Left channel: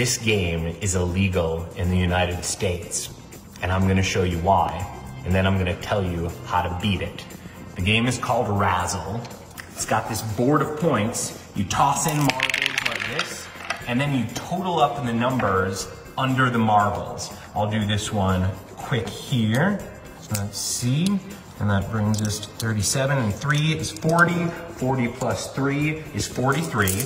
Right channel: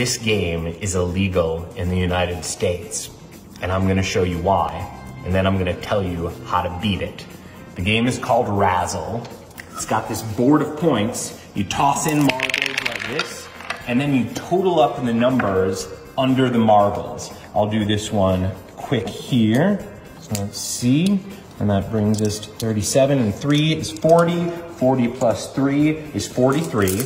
this game is illegal in the United States, and I'm gonna show you why, and then I'm gonna tell you how to beat it. The game is called Razzle. It's got this board of points. You toss in marbles like this, and then you total up the numbers under the marbles. I'll do this one quick here. So let's see, and that brings us to 37, and 3 is 40. 40 plus 3 is 43.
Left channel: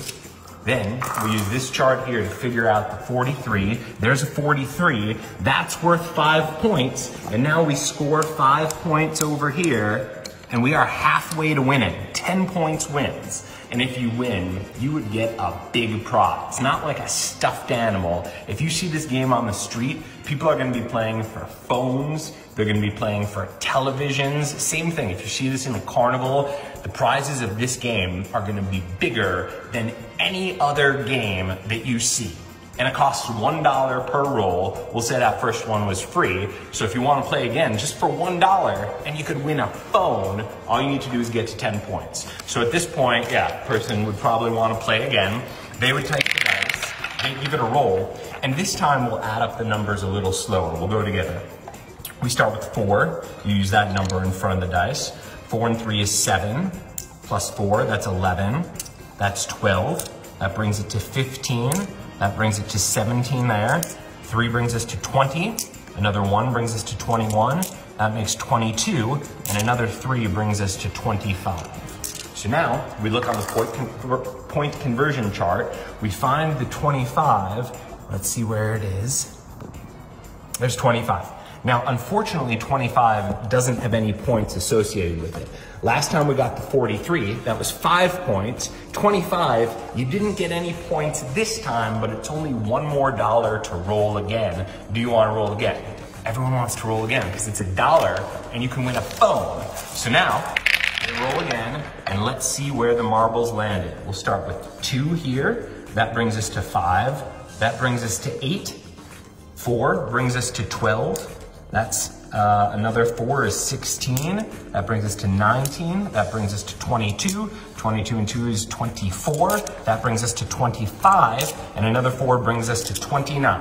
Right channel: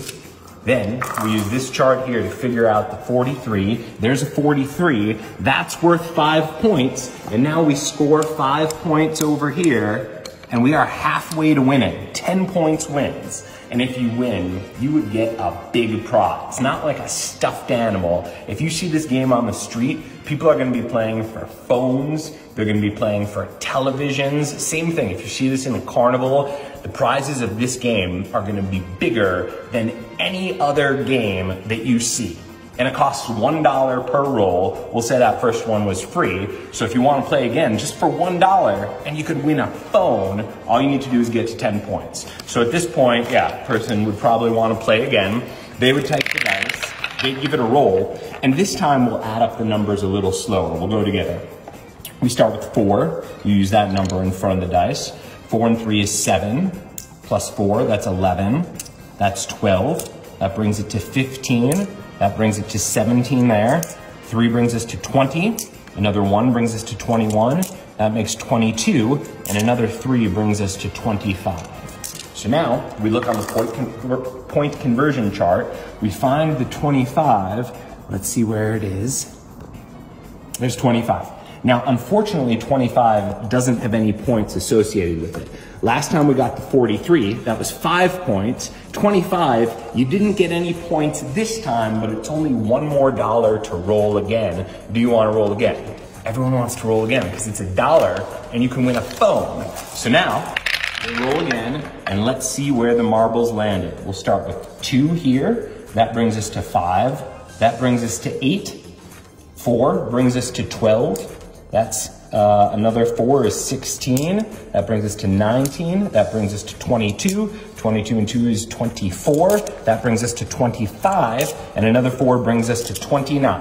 Then we use this chart here to figure out the 43. There's a 43. That's worth 5 points. And now we score 5 points over here, and we are halfway to winning. 10 points wins. And if you win, you would get a big prize, not like a stuffed animal. If you see this game on the street, people are gonna be playing for phones, they're gonna be playing for televisions. Same thing, if you see this in a carnival, the prizes of this game are gonna be bigger than any other game that you see. And it costs $1 per roll. We'll say that first one was free. So if you want to play again, just for $1, and you could win a phone, all you need to do is get to 10 points. So at this point, yeah, person would probably want to play again. They would take the dice, they'd give it a roll, and this time we'll add up the numbers a little slower. We'll go together. We start with 4. You use that number in front of the dice. 4 and 3 is 7, plus 4, that's 11. That's 12. That brings it to 15. That brings it to 17 there. 3 brings us to 20. Another 1 brings us to 21. That makes 22. And another 3 brings us to 25. So now we look on the point conversion chart. We find the 25. Let's see where it is. There's 25. Now, unfortunately, 25 doesn't have any points associated with it. Last time we got the 43, that was 5 points. 25, you didn't get any points this time, but it's only $1 more to roll again. Do you want to roll again? Everyone wants to roll again because it's $1 and you can win a phone. So now, we'll roll again and let's see where the marbles landed. We'll start with 2 here. That brings us to 5. That brings us to 8. 4 brings us to 12. That's another 4 is 16. That brings us to 19. That brings us to 22. 22 and 2 is 24. That brings us to 25. And another 4 brings us to 29.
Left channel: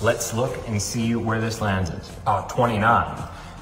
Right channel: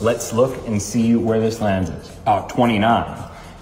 Let's look and see where this lands us. 29.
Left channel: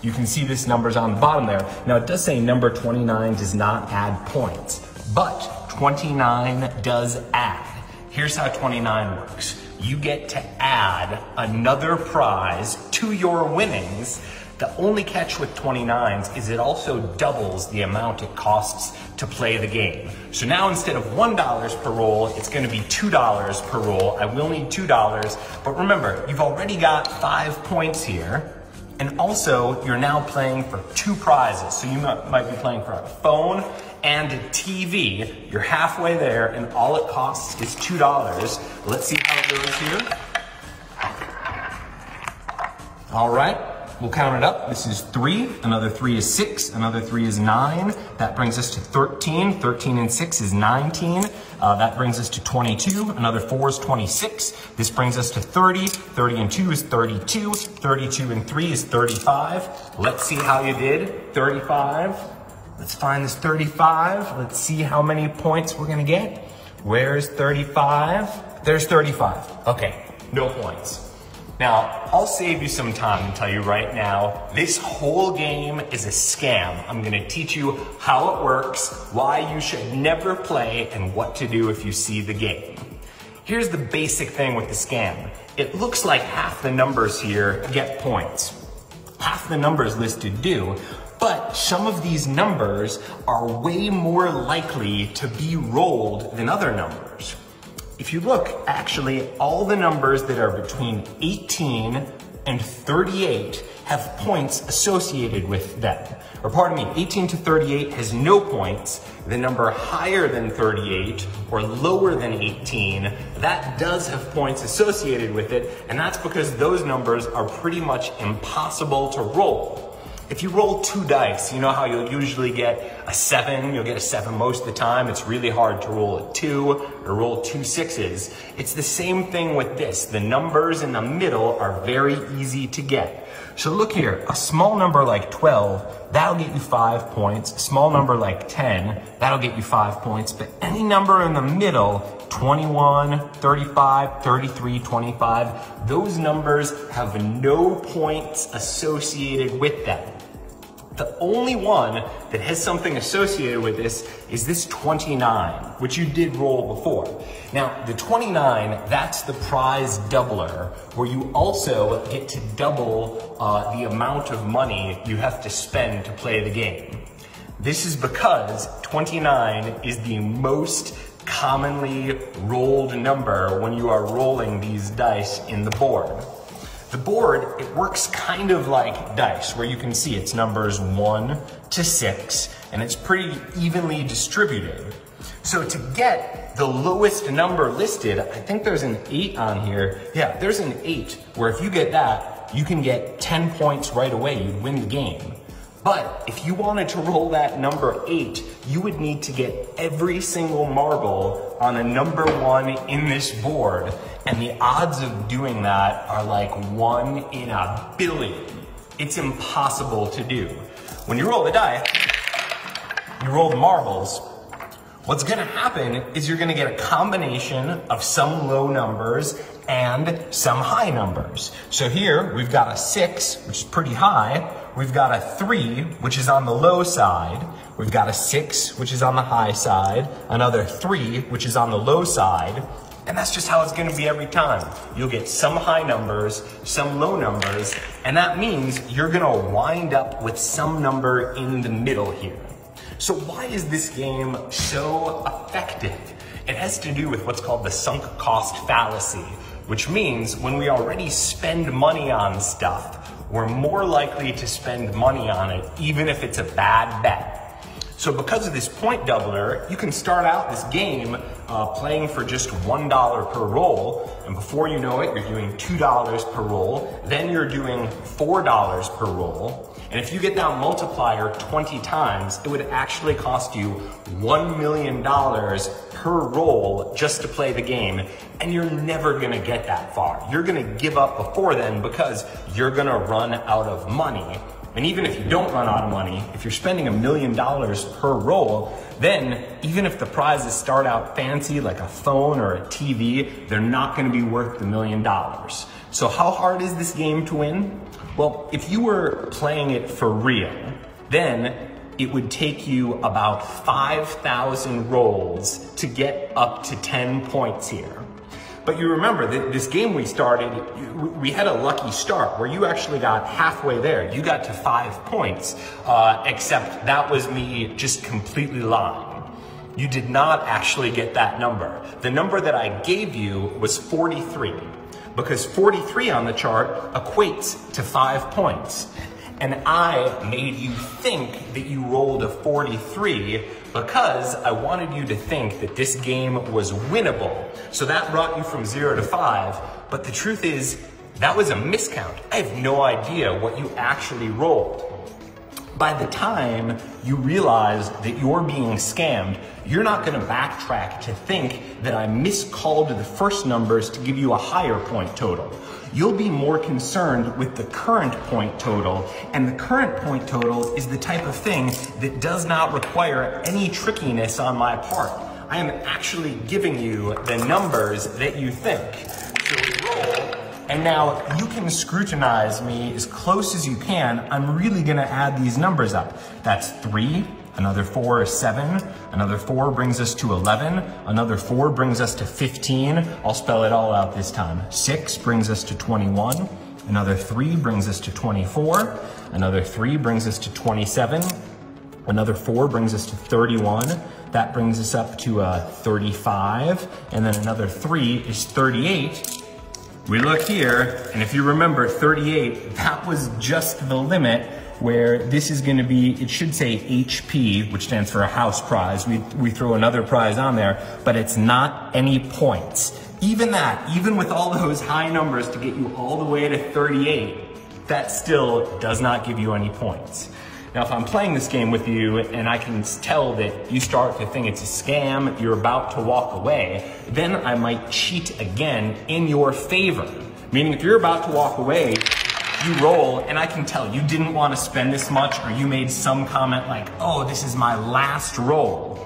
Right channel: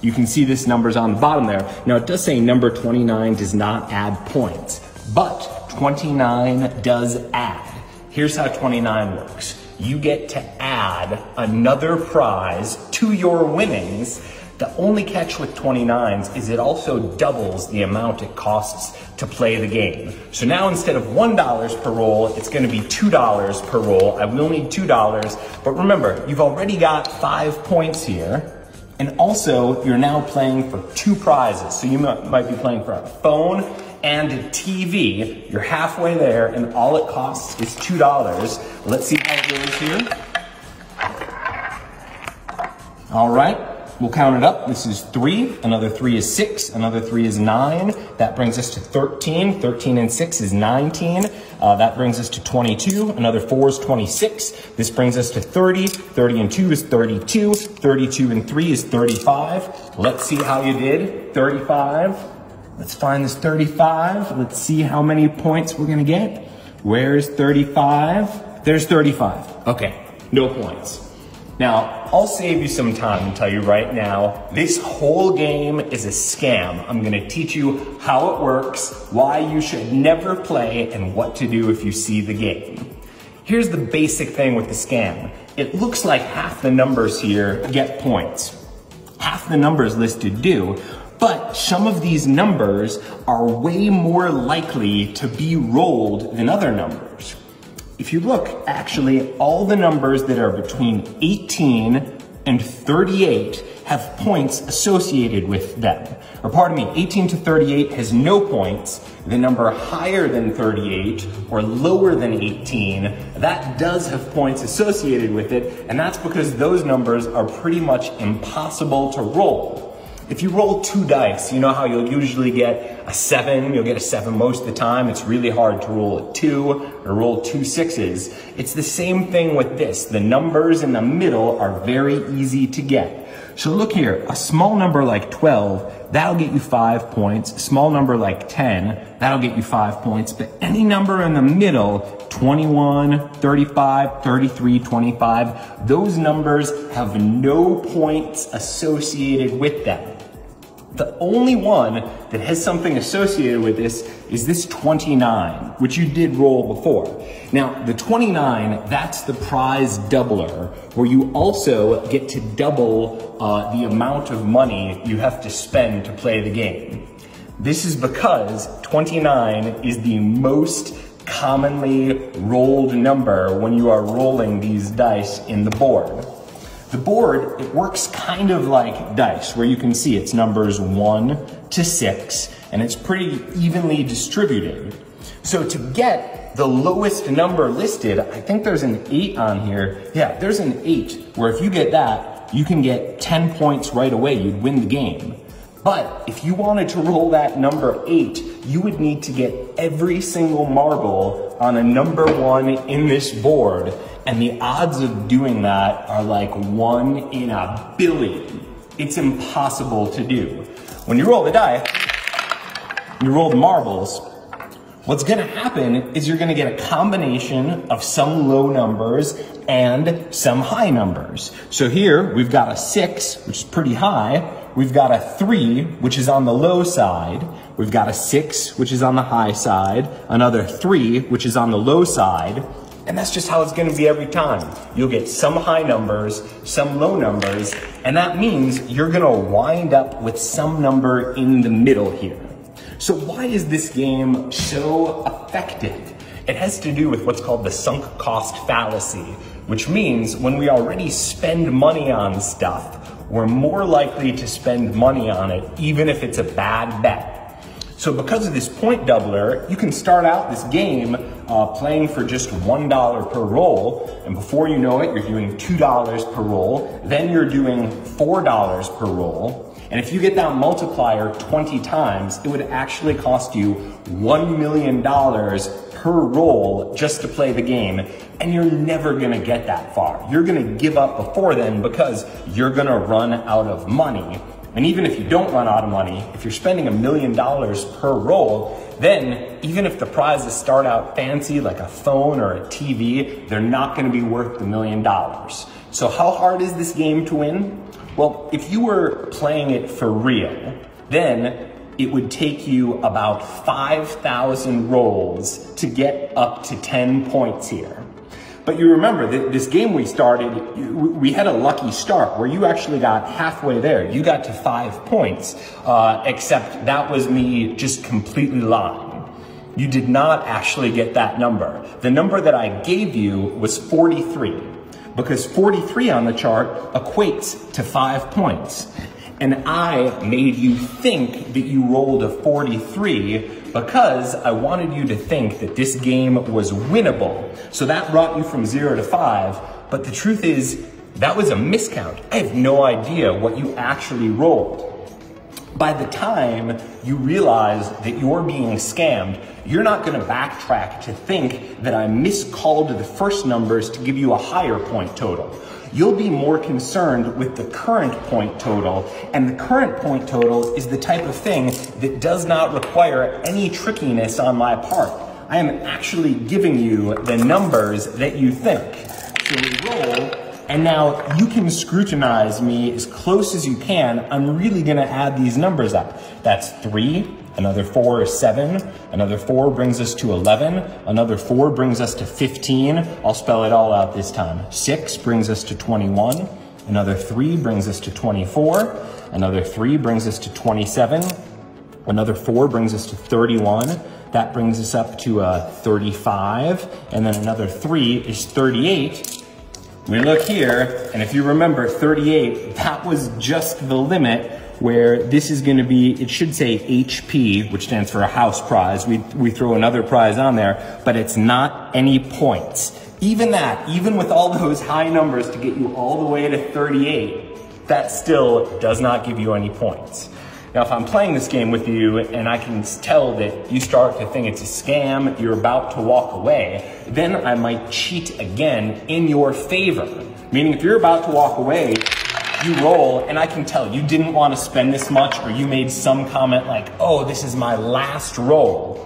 You can see this number's on the bottom there. Now it does say number 29 does not add points, but 29 does add. Here's how 29 works. You get to add another prize to your winnings. The only catch with 29s is it also doubles the amount it costs to play the game. So now instead of $1 per roll, it's gonna be $2 per roll. I will need $2, but remember, you've already got 5 points here. And also, you're now playing for 2 prizes. So you might be playing for a phone and a TV. You're halfway there, and all it costs is $2. Let's see how it goes here. All right, we'll count it up. This is 3, another 3 is 6, another 3 is 9. That brings us to 13. 13 and 6 is 19. That brings us to 22. Another 4 is 26. This brings us to 30. 30 and 2 is 32. 32 and 3 is 35. Let's see how you did. 35. Let's find this 35. Let's see how many points we're gonna get. Where's 35? There's 35. Okay, no points. Now, I'll save you some time and tell you right now, this whole game is a scam. I'm gonna teach you how it works, why you should never play, and what to do if you see the game. Here's the basic thing with the scam. It looks like half the numbers here get points. Half the numbers listed do, but some of these numbers are way more likely to be rolled than other numbers. If you look, actually, all the numbers that are between 18 and 38 have points associated with them. Or pardon me, 18 to 38 has no points. The number higher than 38 or lower than 18, that does have points associated with it, and that's because those numbers are pretty much impossible to roll. If you roll 2 dice, you know how you'll usually get a 7, you'll get a 7 most of the time. It's really hard to roll a 2 or roll 2 6s. It's the same thing with this. The numbers in the middle are very easy to get. So look here, a small number like 12, that'll get you 5 points. A small number like 10, that'll get you 5 points. But any number in the middle, 21, 35, 33, 25, those numbers have no points associated with them. The only one that has something associated with this is this 29, which you did roll before. Now, the 29, that's the prize doubler, where you also get to double the amount of money you have to spend to play the game. This is because 29 is the most commonly rolled number when you are rolling these dice in the board. The board, it works kind of like dice, where you can see it's numbers 1 to 6, and it's pretty evenly distributed. So to get the lowest number listed, I think there's an 8 on here. Yeah, there's an 8, where if you get that, you can get 10 points right away. You'd win the game. But if you wanted to roll that number 8, you would need to get every single marble on a number 1 in this board. And the odds of doing that are like 1 in a billion. It's impossible to do. When you roll the dice, you roll the marbles, what's gonna happen is you're gonna get a combination of some low numbers and some high numbers. So here, we've got a 6, which is pretty high. We've got a 3, which is on the low side. We've got a 6, which is on the high side. Another 3, which is on the low side. And that's just how it's gonna be every time. You'll get some high numbers, some low numbers, and that means you're gonna wind up with some number in the middle here. So why is this game so effective? It has to do with what's called the sunk cost fallacy, which means when we already spend money on stuff, we're more likely to spend money on it, even if it's a bad bet. So because of this point doubler, you can start out this game playing for just $1 per roll, and before you know it, you're doing $2 per roll, then you're doing $4 per roll, and if you get that multiplier 20 times, it would actually cost you $1 million per roll just to play the game, and you're never gonna get that far. You're gonna give up before then because you're gonna run out of money. And even if you don't run out of money, if you're spending $1 million per roll, then even if the prizes start out fancy like a phone or a TV, they're not gonna be worth the $1 million. So how hard is this game to win? Well, if you were playing it for real, then it would take you about 5,000 rolls to get up to 10 points here. But you remember, this game we started, we had a lucky start where you actually got halfway there. You got to 5 points, except that was me just completely lying. You did not actually get that number. The number that I gave you was 43, because 43 on the chart equates to 5 points. And I made you think that you rolled a 43 because I wanted you to think that this game was winnable. So that brought you from 0 to 5, but the truth is, that was a miscount. I have no idea what you actually rolled. By the time you realize that you're being scammed, you're not gonna backtrack to think that I miscalled the first numbers to give you a higher point total. You'll be more concerned with the current point total, and the current point total is the type of thing that does not require any trickiness on my part. I am actually giving you the numbers that you think. So we roll, and now you can scrutinize me as close as you can. I'm really gonna add these numbers up. That's 3, another 4 is 7, another 4 brings us to 11, another 4 brings us to 15. I'll spell it all out this time. 6 brings us to 21, another 3 brings us to 24, another 3 brings us to 27, another 4 brings us to 31, that brings us up to 35, and then another 3 is 38. We look here, and if you remember 38, that was just the limit where this is gonna be, it should say HP, which stands for a house prize. We throw another prize on there, but it's not any points. Even that, even with all those high numbers to get you all the way to 38, that still does not give you any points. Now, if I'm playing this game with you and I can tell that you start to think it's a scam, you're about to walk away, then I might cheat again in your favor. Meaning if you're about to walk away, you roll, and I can tell you didn't want to spend this much, or you made some comment like, oh, this is my last roll.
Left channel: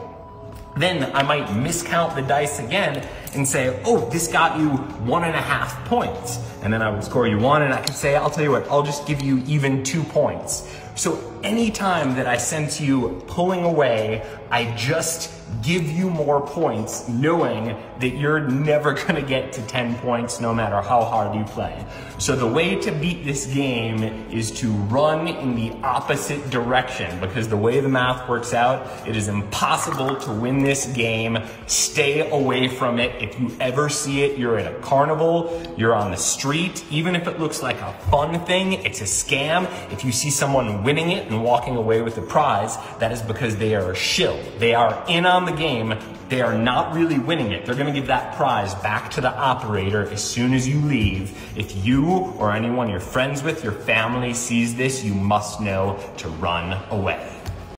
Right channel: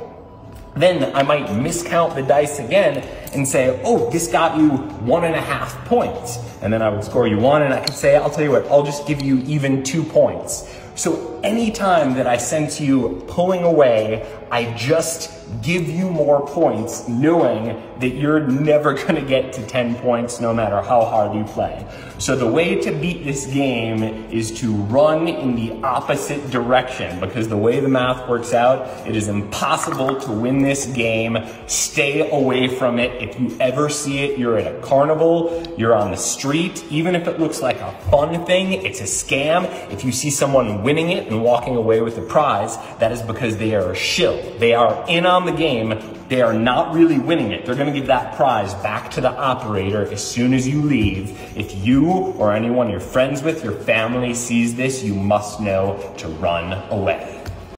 Then I might miscount the dice again and say, oh, this got you 1.5 points. And then I would score you 1, and I could say, I'll tell you what, I'll just give you even 2 points. So anytime that I sense you pulling away, I just give you more points, knowing that you're never gonna get to 10 points no matter how hard you play. So the way to beat this game is to run in the opposite direction, because the way the math works out, it is impossible to win this game. Stay away from it. If you ever see it, you're at a carnival, you're on the street, even if it looks like a fun thing, it's a scam. If you see someone winning it and walking away with the prize, that is because they are a shill. They are in on the game. They are not really winning it. They're gonna give that prize back to the operator as soon as you leave. If you or anyone you're friends with, your family sees this, you must know to run away.